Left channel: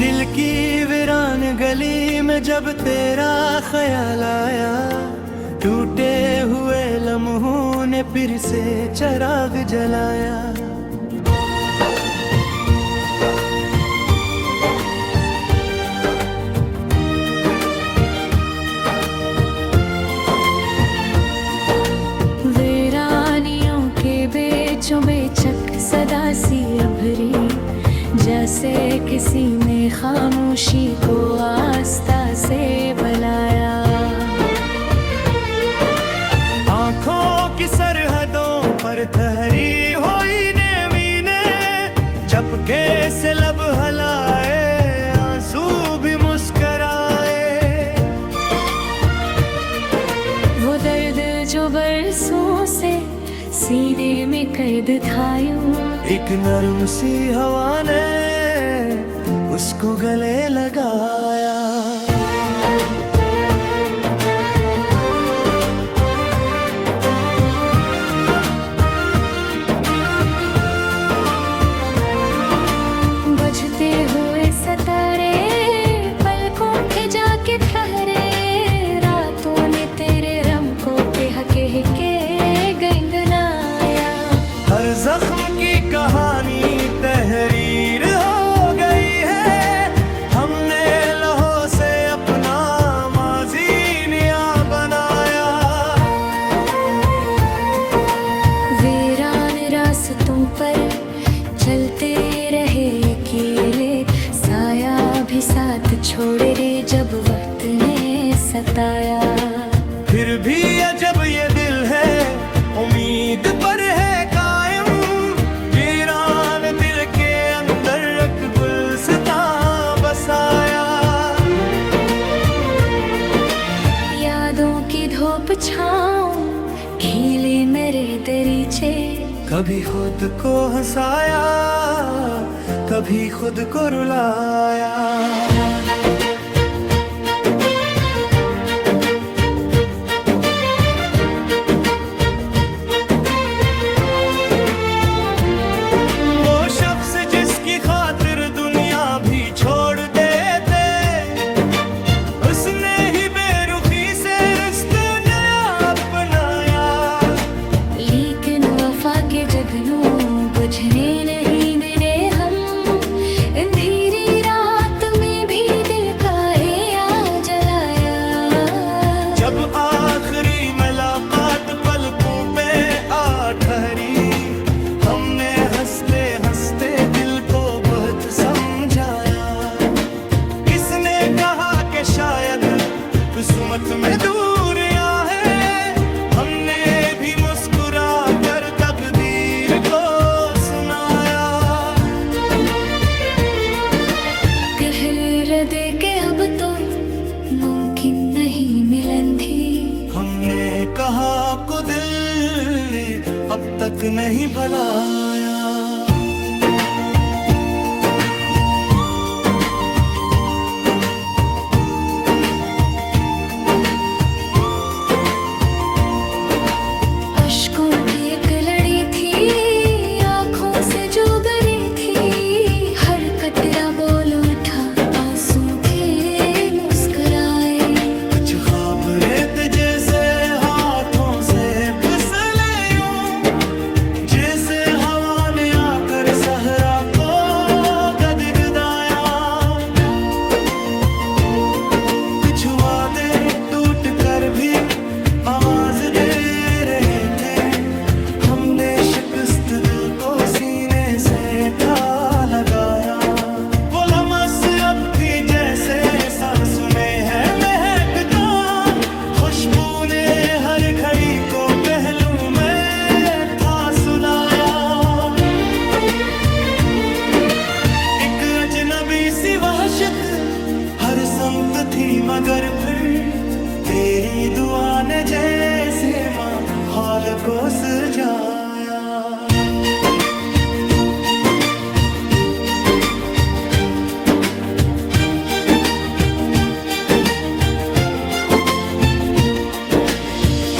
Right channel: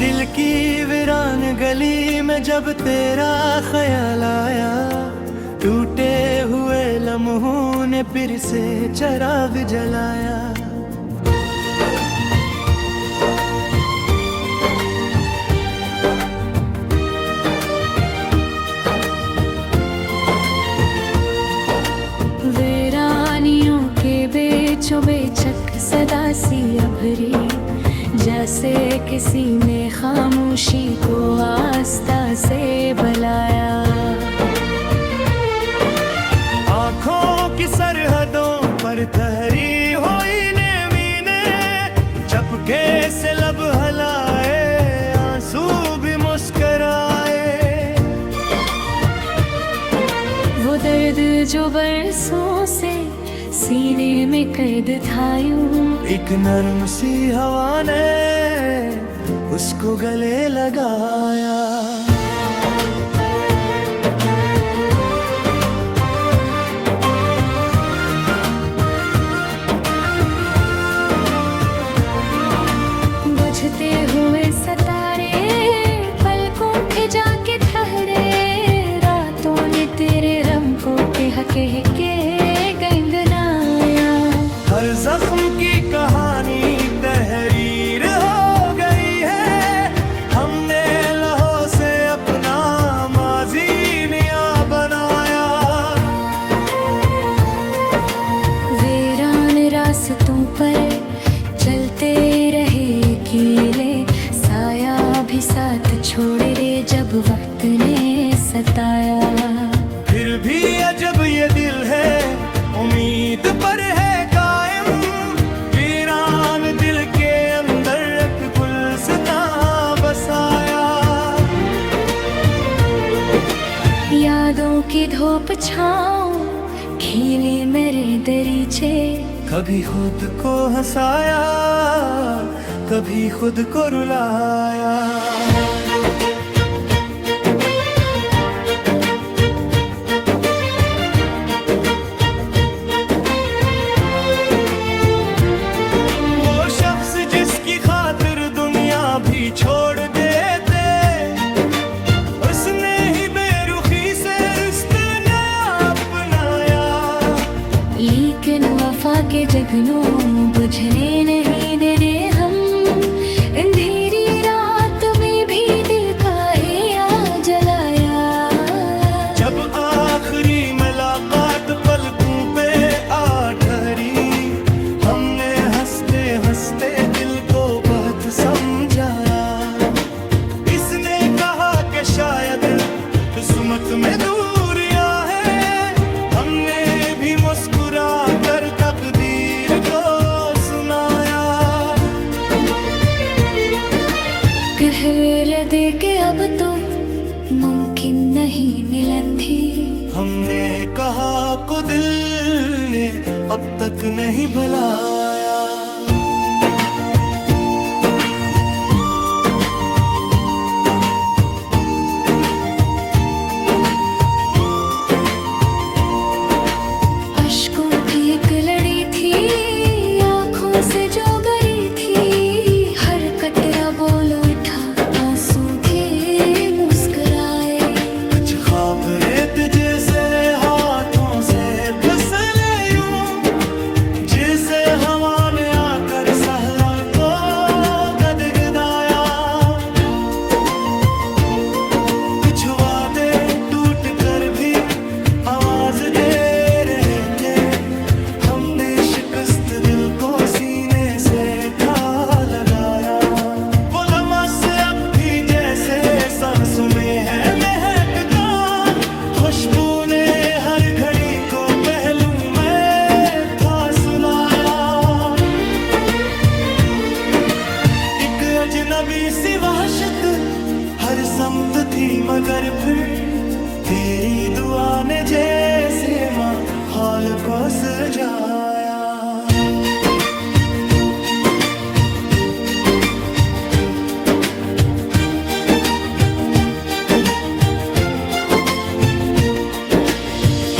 दिल की वीरान गली में जब तेरा ख्याल आया, टूटे हुए लम्हों ने फिर से चिराग जलाया। वीरानियों के बेचों बेचक सदा सी अभरी, जैसे किसी ने खामोशी को आस्था से बुलाया। आँखों की सरहदों पर ठहरी हुई ने मीने, चपके से लब हलाए, आंसू भी मुस्कराए। वो दर्द जो बरसों से सीने में कैद था यूं, एक नरम सी हवा ने उसको गले लगाया। बजते हुए सितारे पलकों पे जाके ठहरे, रातों ने तेरे रंग को कह के गंगनाया। हर जख्म की कहानी तहरीर हो गई है, हमने लहू से अपना माजी नया बनाया। वीरान रास्तों पर चलते रहे अकेले, साया भी साथ छोड़ रे जब वक्त ने सताया। फिर भी अजब ये दिल है, उम्मीद पर है कायम, वीरान दिल के अंदर एक गुलसितां बसाया। यादों की धूप छाँव खिली मेरे दरीचे, कभी खुद को हंसाया, कभी खुद को रुलाया। वो शख्स जिसकी खातिर दुनिया भी छोड़ देते, उसने ही बेरुखी से रिश्ते नया अपनाया। लेकिन वफा के जगनों बुझने नहीं देने हम, अंधेरी रात में भी दिल का या जलाया। जब आखिरी मुलाकात पलकों पे आ ठहरी, हमने हंसते हंसते दिल को बहुत समझाया। इसने कहा कि शायद किस्मत में दूरियां हैं, हमने भी मुस्कुरा कर तकदीर को सुनाया। कहर दे के अब तो मुमकिन नहीं मिलन थी, हमने कहा को दिल ने अब तक नहीं भुलाया। अश्कों की एक लड़ी थी, आँखों से जो गरी थी, हर कतरा बोल उठा आंसू के मुस्कुराए। कुछ ख्वाब रेत जैसे हाथों से फिसले यूं, जैसे हवा ने आकर सहरा को गदगदाया। कुछ वादे टूट कर भी आवाज दे रहे थे, हमने शिकस्त दिल को सीने से था लगाया। वो लम्हा अब भी जैसे सांसों में है महकता, खुशबू ने हर घड़ी को पहलू में था सुलाया। एक अजनबी सी वहशत हर समत थी, मगर फिर तेरी दुआ ने जैसे माहौल को सजाया।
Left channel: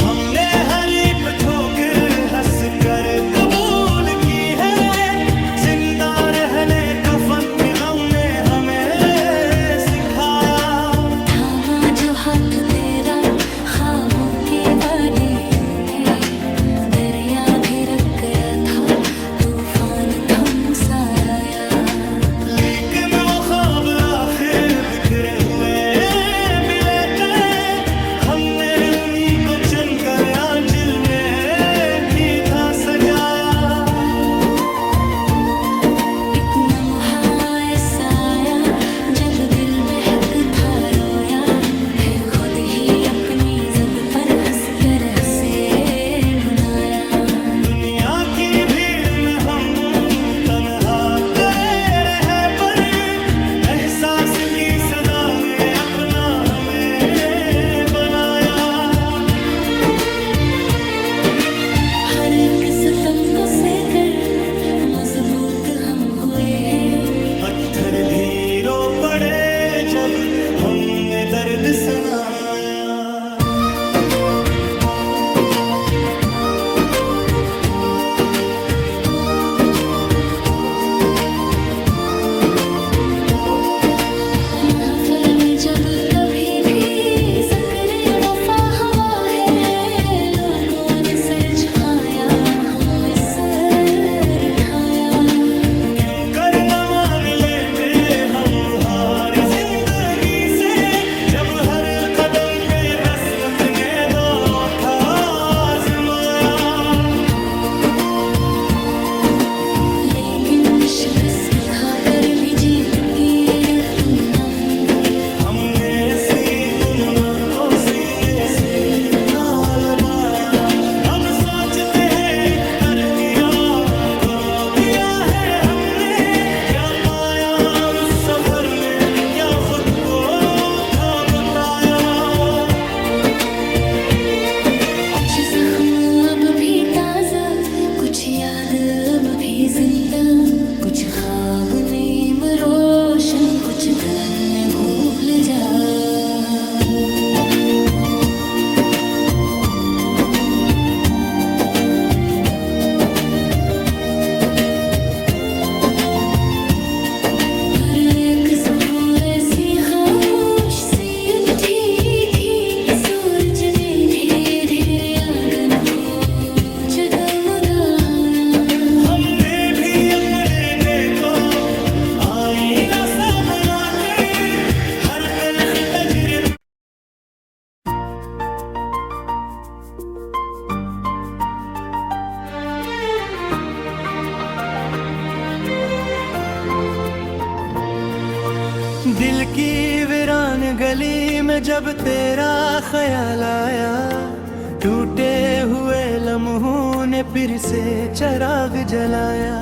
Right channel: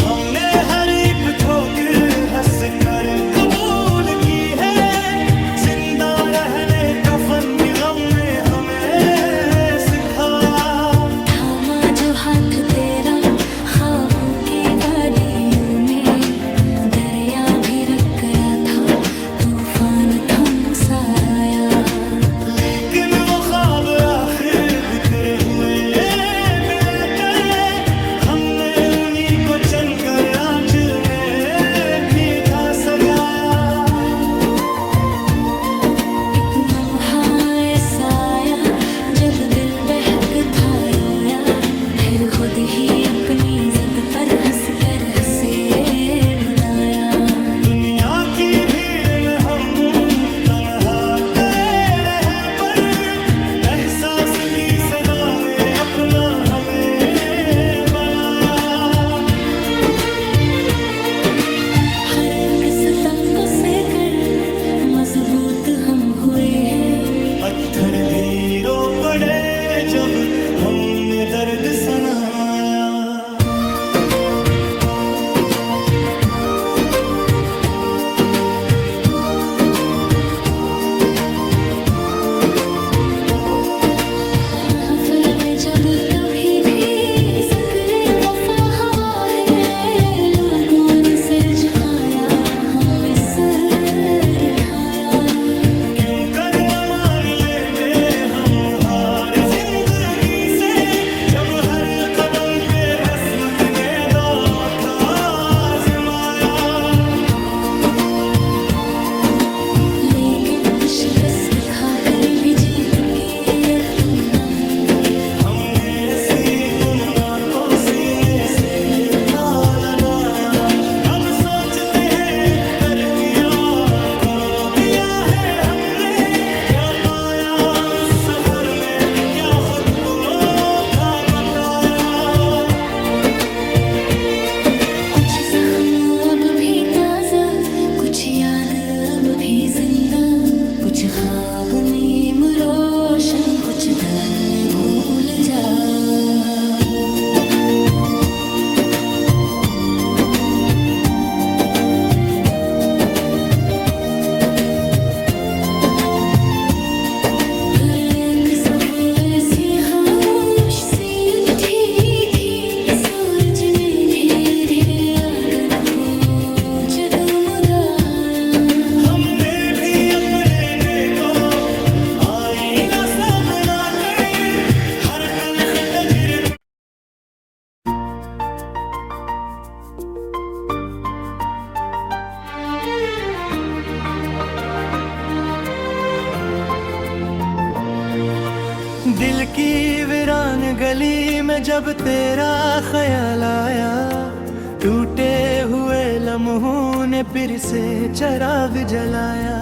हमने हर एक ठोकर हंस कर कबूल की है, जिंदा रहने कफन भी गम ने हमें जो हाथ तेरा ख्वाबों की वादियों में दरिया भी रख गया था, तूफान थम सा आया। लेकिन वो ख्वाब आखिर बिखरे हुए बिलेते, हमने उन्हीं को चुनकर आंचल में था सजाया। एक लम्हा ऐसा आया जब दिल बहक था रोया, फिर खुद ही अपनी जद पर हंस कर हंसे मनाया। दुनिया की भीड़ में हम तन्हा करे रहे, पर एहसास की सदा ने अपना हमें बनाया। हर एक सितम को सहकर मजबूत हम हुए हैं, पत्थर भी रो पड़े जब हमने दर्द सुनाया। महफल में जब कभी भी ज़िक्र वफा हवा है, लोगों ने सर झुकाया, हमने सर उठाया। क्यों कर न मान लेते हम हार जिंदगी से, जब हर कदम पे किस्मत ने दांव उठा आजमाया। लेकिन शिकस्त खाकर भी जीत की रे तुम नम, हमने ऐसी तुमना को सीने से था लगाया। अब सोचते हैं कर किया करो दिया है हमने, क्या पाया उस सफर में, क्या खुद को था बताया। कुछ जख्म अब भी ताजा, कुछ याद अब भी जिंदा, कुछ ख्वाब नीम रोशन, कुछ दर्द में भूल जा। फिर एक सुबह ऐसी खामोश सी उठी थी, सूरज ने धीरे धीरे आंगन को जगमगाया। हमने भी अपने को आईना सा बनाकर हर तल्ख तजर्बे। दिल की वीरान गली में जब तेरा ख्याल आया, टूटे हुए लम्हों ने फिर से चिराग जलाया।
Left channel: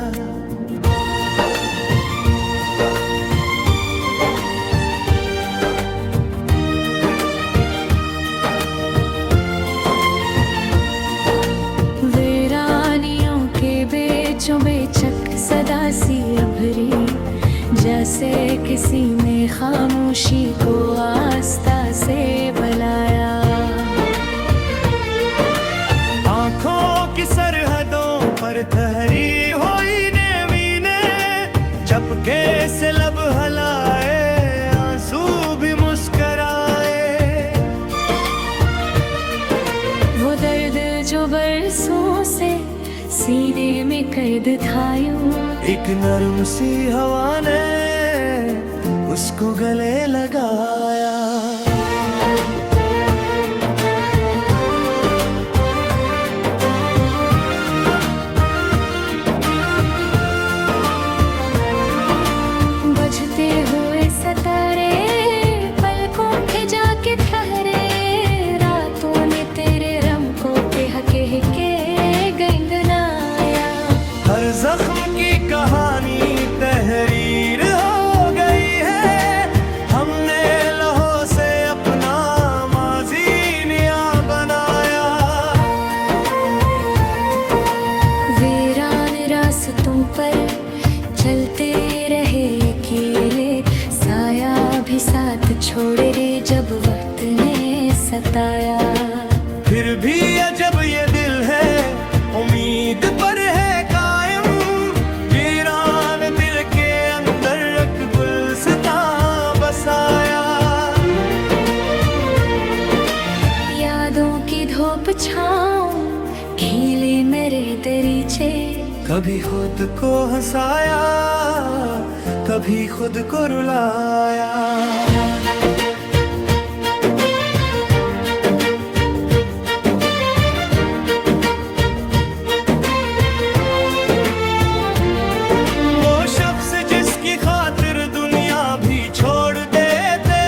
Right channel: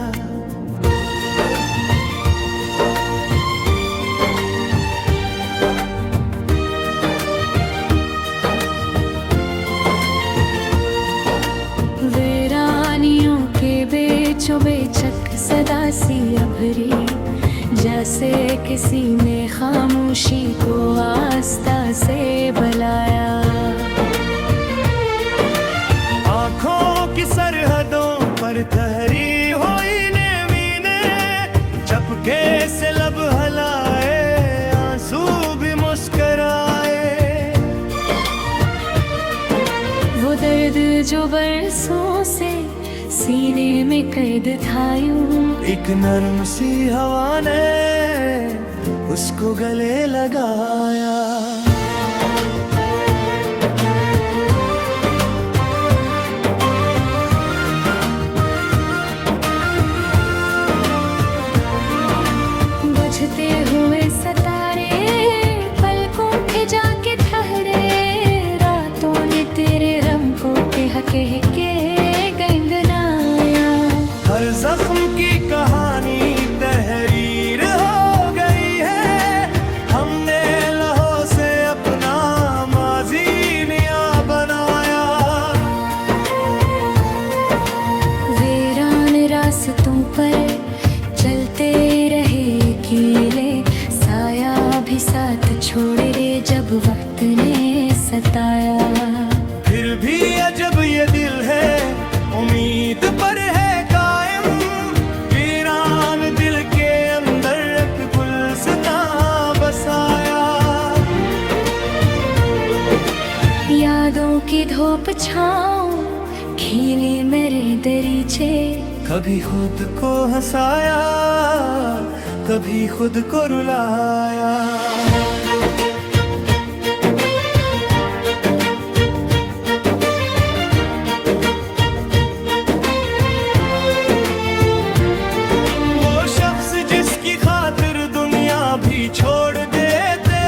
वीरानियों के बेचों बेचक सदा सी अभरी, जैसे किसी ने खामोशी को आस्था से बुलाया। आँखों की सरहदों पर ठहरी हुई नेमीने, चपके से लब हलाए, आंसू भी मुस्कराए। वो दर्द जो बरसों से सीने में कैद था यूं, एक नरम सी हवा ने उसको गले लगाया। बजते हुए सतारे पलकों पे जाके ठहरे, रातों ने तेरे रम को कह के गंगनाया। हर जख्म की कहानी तहरीर हो गई है, हमने लहू से अपना माजी नया बनाया। वीरान रास्तों पर चलते रहे अकेले, साया भी साथ छोड़े रे जब वक्त ने सताया। फिर भी अजब ये दिल है, उम्मीद पर है कायम, वीरान दिल के अंदर एक गुलसितां बसाया। यादों की धूप छाँव खिली मेरे दरीचे। कभी खुद को हंसाया, कभी खुद को रुलाया। वो शख्स जिसकी खातिर दुनिया भी छोड़ देते,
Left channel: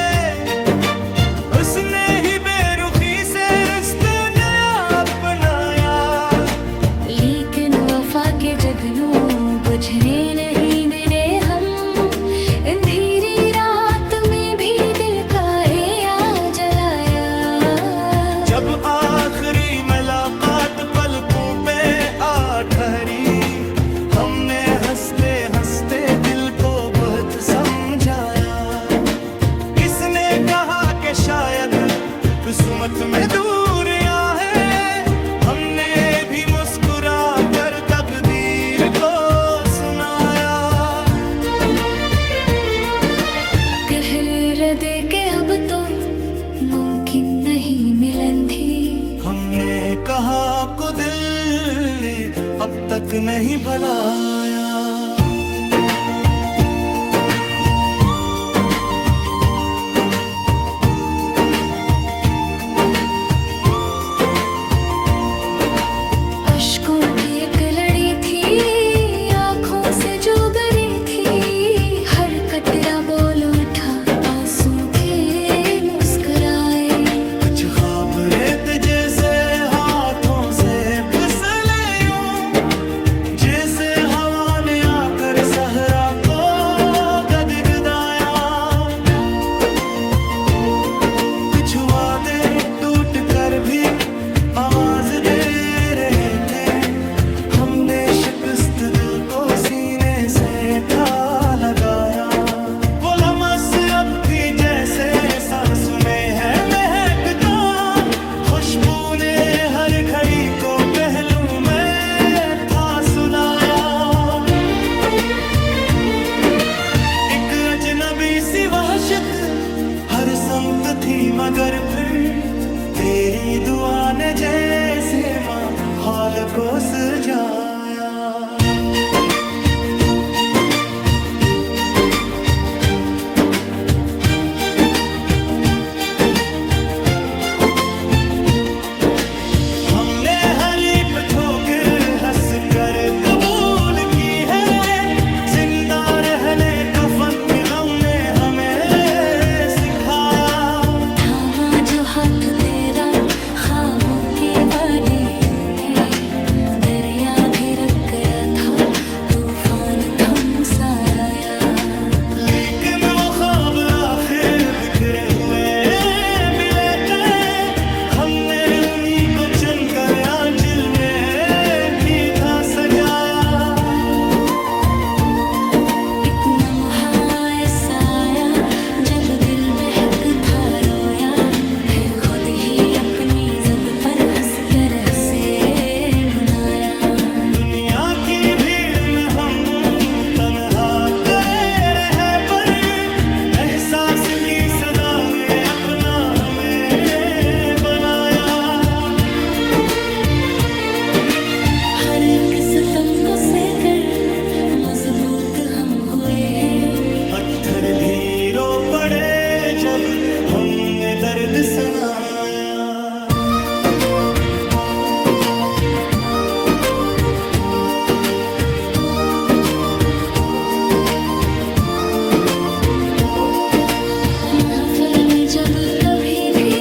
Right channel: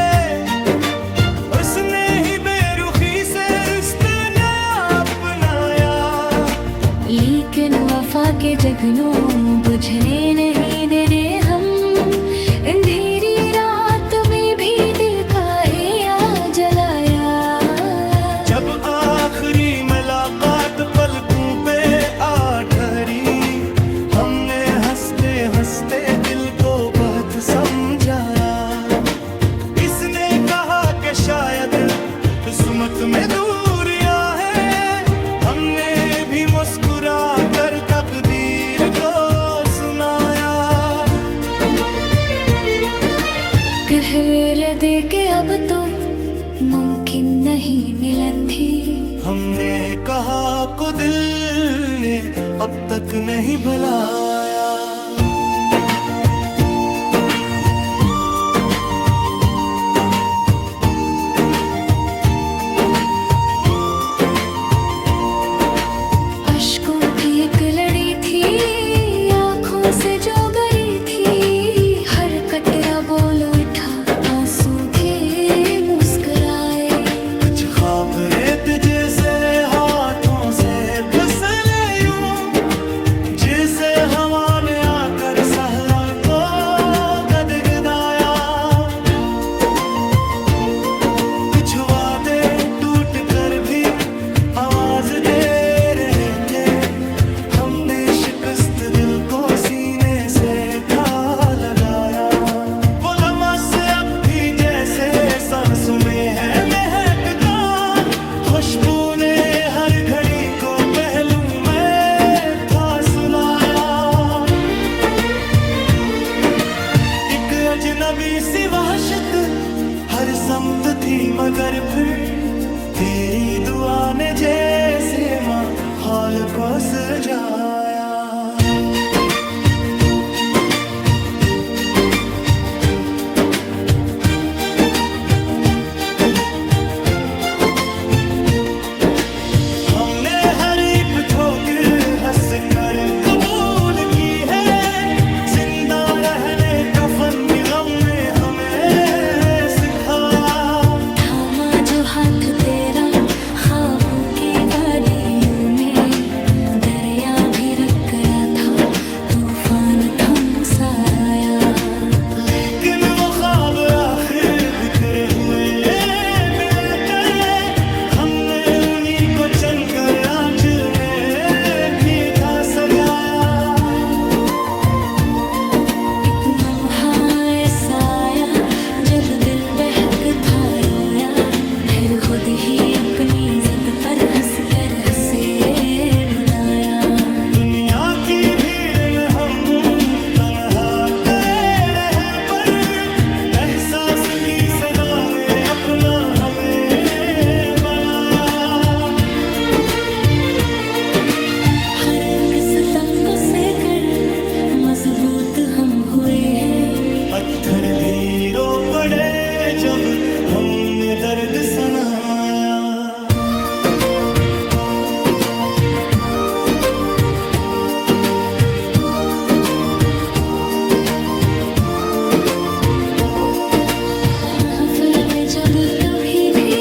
उसने ही बेरुखी से रिश्ते नया अपनाया। लेकिन वफा के जगनों बुझने नहीं देने हम, अंधेरी रात में भी दिल का या जलाया। जब आखिरी मुलाकात पलकों पे आ ठहरी, हमने हंसते हंसते दिल को बहुत समझाया। इसने कहा कि शायद किस्मत में दूरियां हैं, हमने भी मुस्कुरा कर तकदीर को सुनाया। कहर दे के अब तो मुमकिन नहीं मिलन थी। हमने कहा को दिल ने अब तक नहीं भुलाया। अश्कों की एक लड़ी थी, आँखों से जो गरी थी। हर कतरा बोल उठा, आंसू के मुस्कुराए। कुछ ख्वाब रेत जैसे हाथों से फिसले यूं, जैसे हवा ने आकर सहरा को गदगदाया। कुछ वादे टूट कर भी आवाज दे रहे थे, हमने शिकस्त दिल को सीने से था लगाया। वो लम्हा अब भी जैसे सांसों में है महकता, खुशबू ने हर घड़ी को पहलू में था सुलाया। एक अजनबी सी वहशत हर समत थी, मगर फिर तेरी दुआ ने जैसे माहौल को सजाया। हमने हर एक ठोकर हंस कर कबूल की है, जिंदा रहने कफन भी गम ने हमें सिखाया। थामा जो हाथ तेरा ख्वाबों की वादियों में, दरिया भी रख गया था, तूफान थम सा आया। लेकिन वो ख्वाब आखिर बिखरे हुए बिलेते, हमने उन्हीं को चुनकर आंचल में थी था सजाया। एक लम्हा ऐसा आया जब दिल बहक था रोया, फिर खुद ही अपनी जद पर हंस कर हंसे मनाया। दुनिया की भीड़ में हम तन्हा करे रहे, पर एहसास की सदा ने अपना हमें बनाया। हर एक सितम को सहकर मजबूत हम हुए हैं, पत्थर भी रो पड़े जब हमने दर्द सुनाया। महफल में जब कभी भी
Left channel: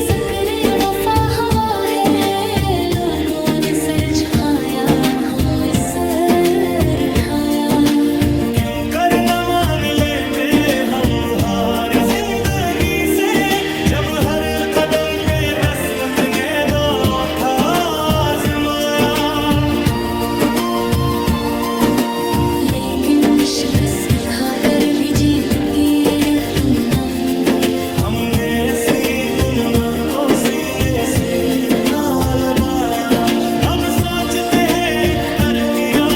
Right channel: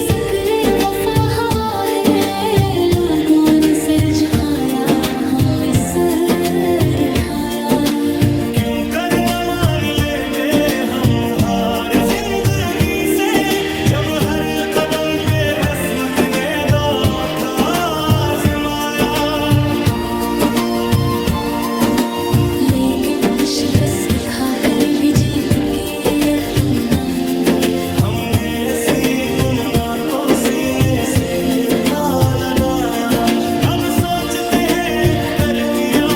ज़िक्र वफा हवा है, लोगों ने सर झुकाया, हमने सर उठाया। क्यों कर न मान लेते हम हार जिंदगी से, जब हर कदम पे रस्मत ने दाव था आजमाया। लेकिन शिकस्त खाकर भी जीत की रे तुम नम, हमने ऐसी तुमना को सीने से था लगाया। अब सोचते हैं कर किया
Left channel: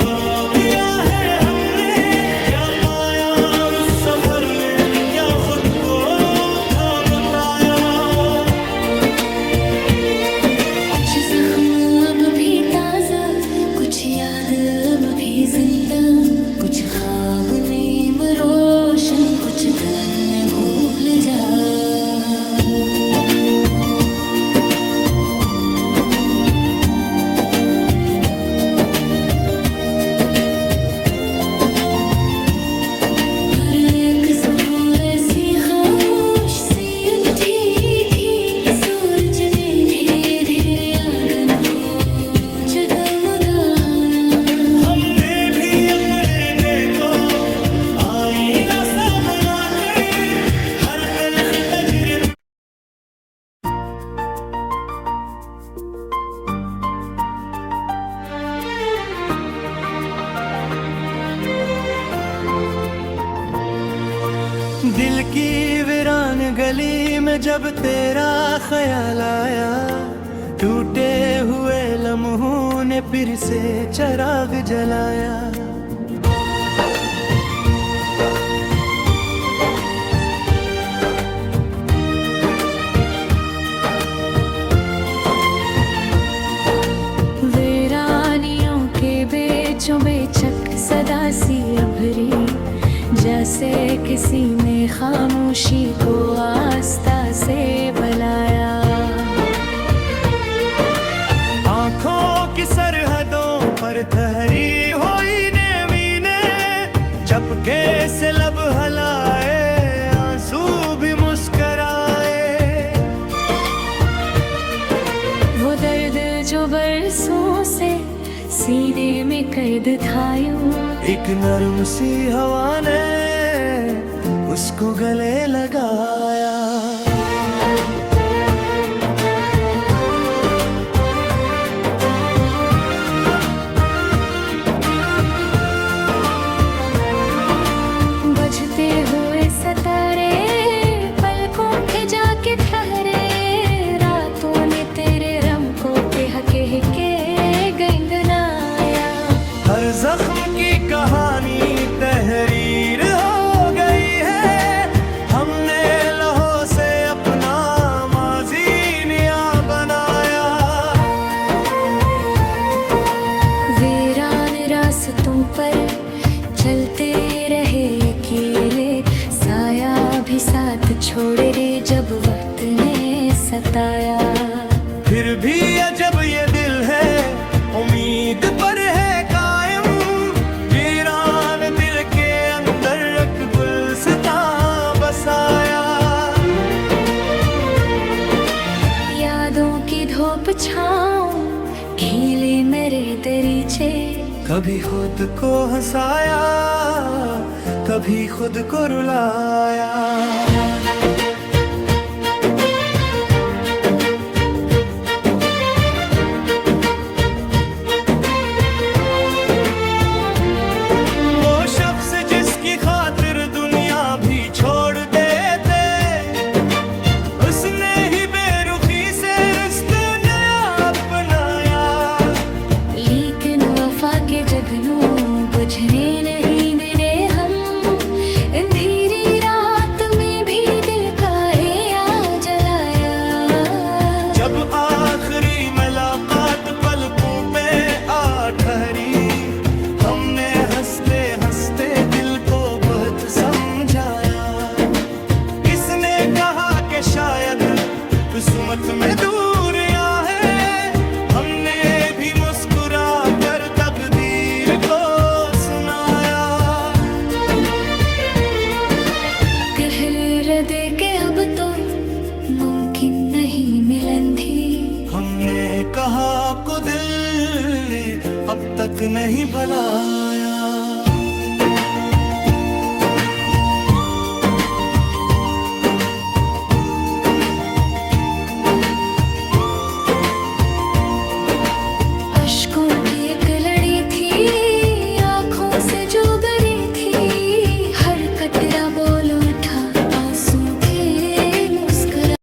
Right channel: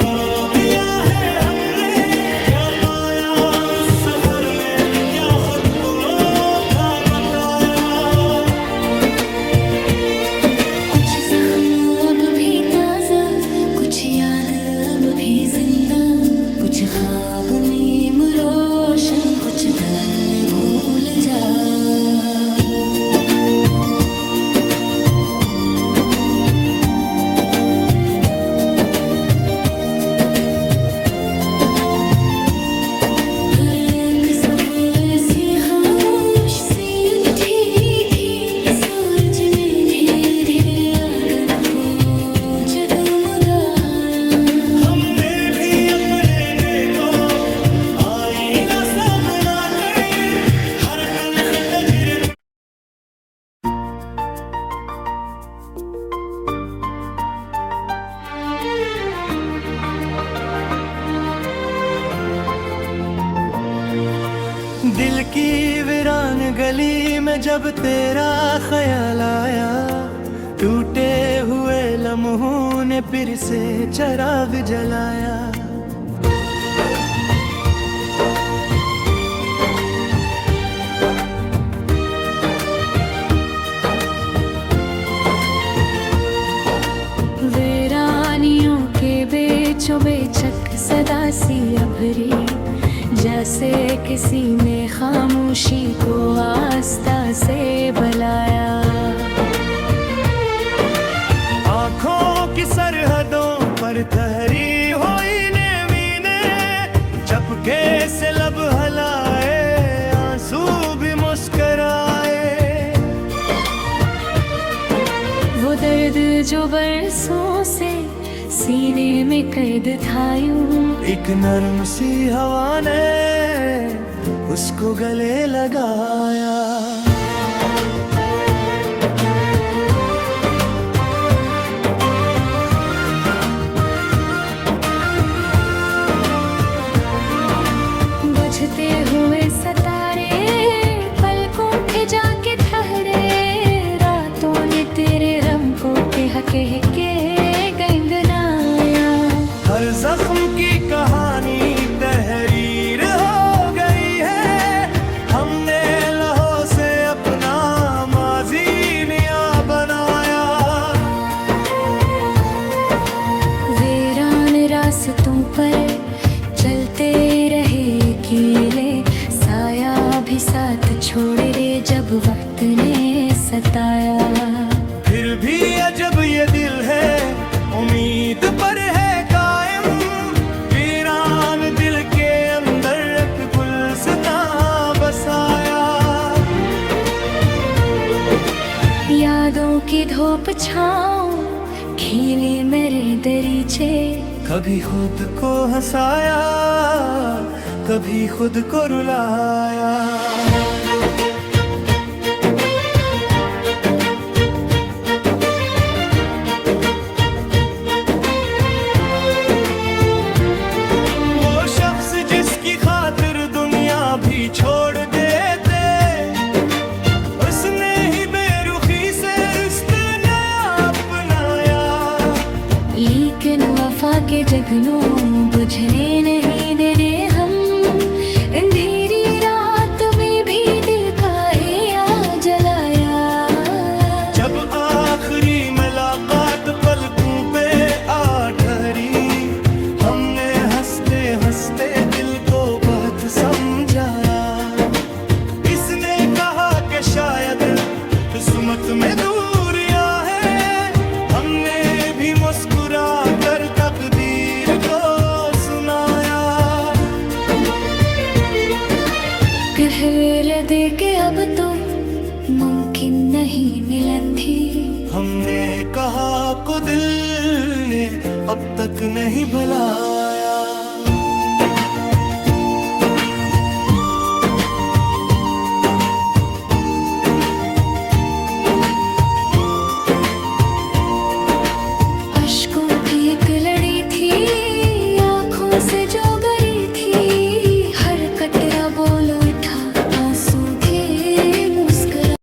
करो दिया है हमने, क्या पाया उस सफर में क्या खुद को था बताया। अब भी ताजा, कुछ याद अब भी जिंदा, कुछ ख्वाब नेम रोशन, कुछ दम में भूल जा। फिर एक सुबह ऐसी खामोश सी उठी थी, सूरज ने धीरे धीरे आंगन को जगमगाया। हमने भी अपने के को आईना सा बनाकर हर तल्ख तजर्बे दिल की वीरान गली में जब तेरा ख्याल आया, टूटे हुए लम्हों ने फिर से चिराग जलाया। वीरानियों के बेचों बेचक सदा सी अभरी, जैसे किसी ने खामोशी को आस्था से बुलाया। आँखों की सरहदों पर ठहरी हुई नेमीने, चपके से लब हलाए, आंसू भी मुस्कराए। वो दर्द जो बरसों से सीने में कैद था यूं, एक नरम सी हवा ने उसको गले लगाया। बजते हुए सितारे पलकों पे जाके ठहरे, रातों ने तेरे रंग को कह के गंगनाया। हर जख्म की कहानी तहरीर हो गई है, हमने लहू से अपना माजी नया बनाया। वीरान रास्तों पर चलते रहे अकेले, साया भी साथ छोड़ दे जब वक्त ने सताया। फिर भी अजब ये दिल है, उम्मीद पर है कायम, वीरान दिल के अंदर एक गुलसितां बसाया। यादों की धूप छाँव खिले मेरे दरीचे, कभी खुद को हंसाया, कभी खुद को रुलाया। वो शख्स जिसकी खातिर दुनिया भी छोड़ देते, उसने ही बेरुखी से रिश्ते नया अपनाया। लेकिन वफा के जगनों बुझने नहीं देने हम, अंधेरी रात में भी दिल का या जलाया। जब आखिरी मुलाकात पलकों पे आ ठहरी, हमने हंसते हंसते दिल को बहुत समझाया। इसने कहा कि शायद किस्मत में दूरियां हैं, हमने भी मुस्कुरा कर तकदीर को सुनाया। कहर दे के अब तो मुमकिन नहीं मिलन थी, हमने कहा आपको दिल ने अब तक नहीं भुलाया। अश्कों की एक लड़ी थी, आंखों से जो गरी थी, हर कतरा बोल उठा आंसू के मुस्कुरा।